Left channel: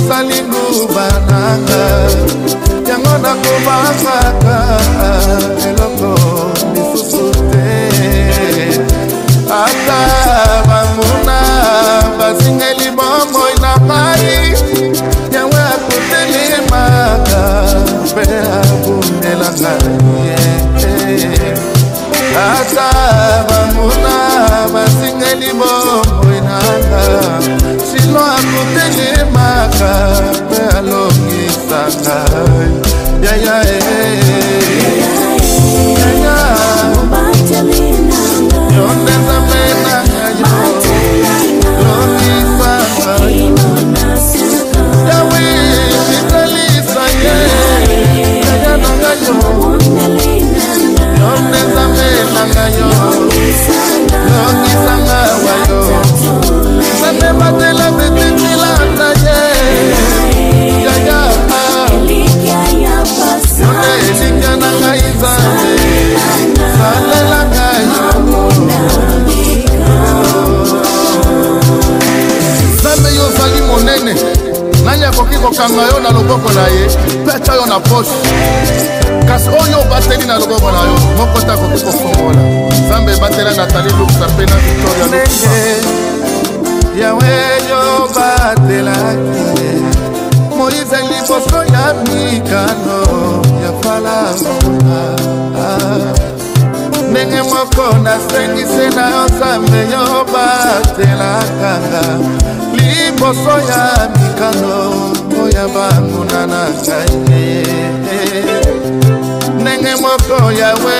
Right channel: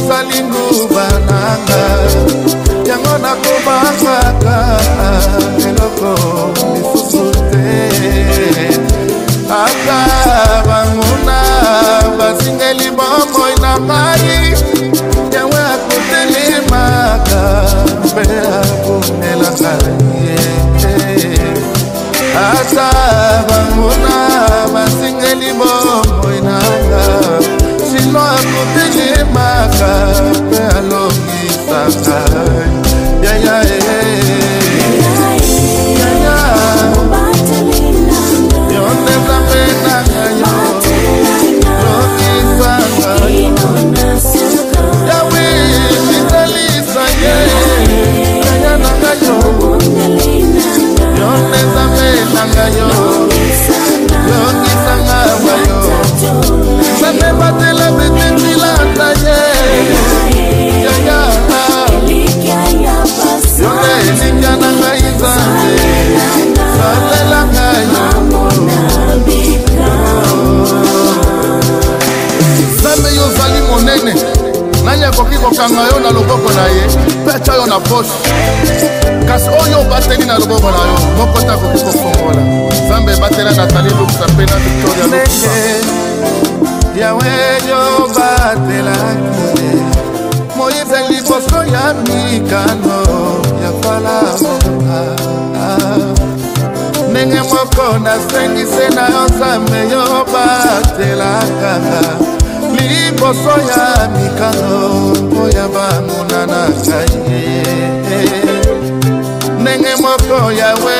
yozali nguba nanga yango nakobangaka eloko lisusu te ata banguna basingeli bomoi na ngai yango akotelemaka mpe abundela ngai ata banguna basingeli bomoi nanga silo akotelemaka mpe alongisa ngai yaya yaya yonde nzambe nanga yo longisa ngayo yawe mitalisa ye yaya nanga yo yonde nzambe nanga yo longisa ngawa yo nzambe batela betetilanda ye yaya yonde elikya na ngai nzambe salela ngayo nzambe yo ozali monene nani akoki kokanga yo na loboko na ye mpe atya yo na poshe kasi oyo obateli na loboko na yo moko te akoki kofongola nzambe ebatela Nathalie Luksa mpe na Victoria Luksa yawe yo batelaki ye Moïse liboso ya mikano ya Faraona ndenge moko nasengise na yo nzambe yo batelakanga liboso ya mikano oya banguna na ngai ndenge moko yawe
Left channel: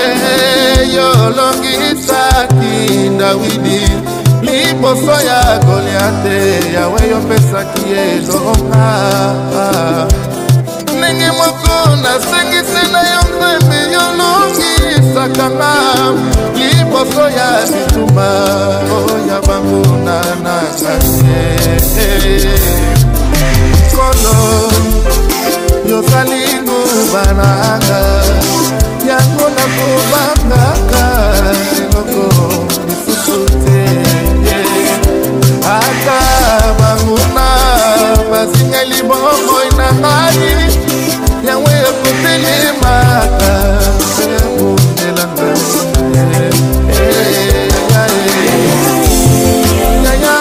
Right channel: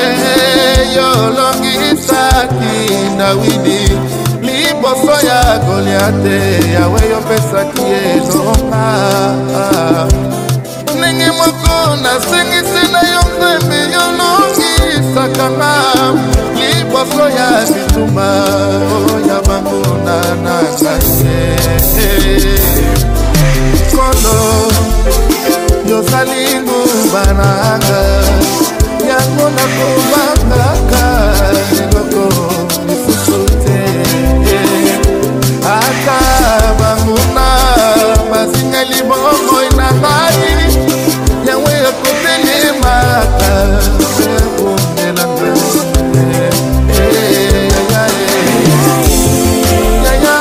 yolongisaki Dawidi liboso ya Goliate yawe yopesaki elonga ndenge moko nasengise na yo nzambe yolongisaka nga liboso ya bituma oya banguna na ngai kolo yozali nguba nanga yango nakobangaka eloko lisusu te ata banguna basingeli bomoi na ngai yango ekotelemaka mpe abundela ngai yaya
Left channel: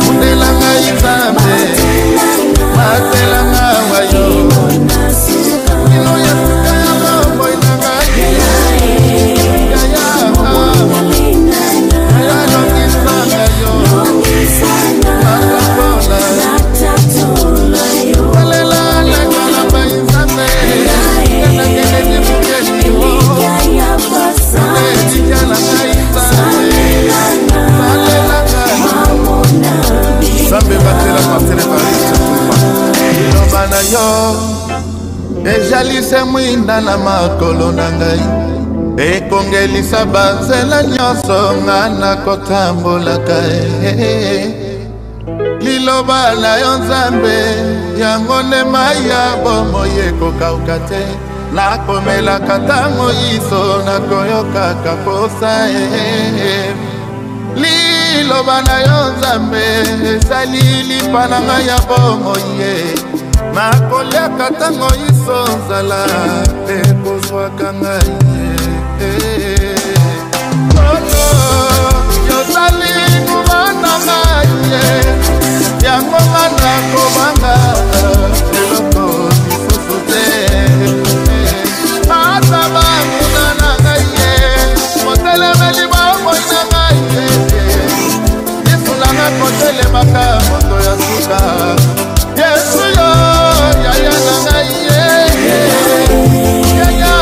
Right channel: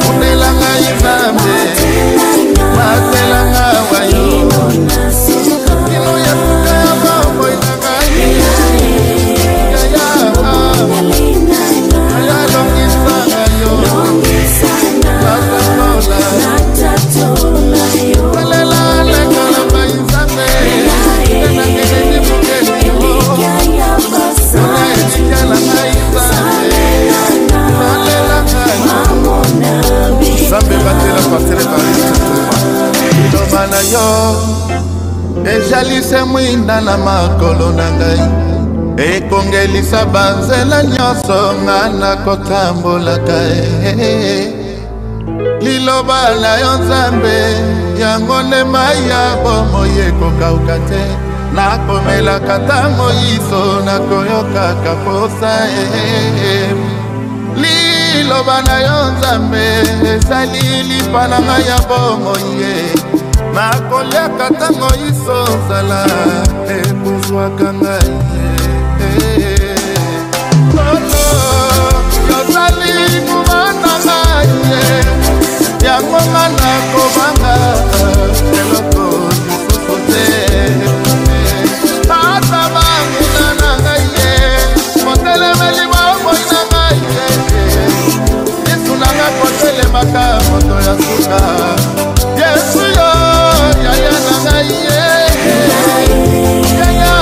bundela ngai nzambe matela ngawa yo kino ya suka ya bomoi na ngai yaya yaya lokisanga yo natakola talela lekalamba nzambe kana kene dibukeli yo yone dikala ngai nzambe talela ngayo nzambe batela Pasteur Evariste Tumba liloba na yo ejalise mwinda na makolo na ngai ekongelisa banzela nyonso nga nakotambolaka liloba na yo nzambe yango nde mai ya bomoi ekokauka te nakomelaka ntango iso nakoyokaka posa liloba na yo nzambe ezali lipa na ngai ya bomoi nakoliaka ntango iso nzala ekozwaka ngai lolo yozali nguba na ngai yango nga nakobanga eloko lisusu te ata banguna na ngai motelemeli bomoi na ngai yesu nanga kotelemaka moto ya suka yesu yo yaya na ngai yaya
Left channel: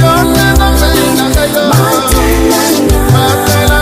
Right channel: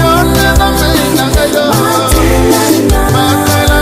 yo nena me na ngai yo matela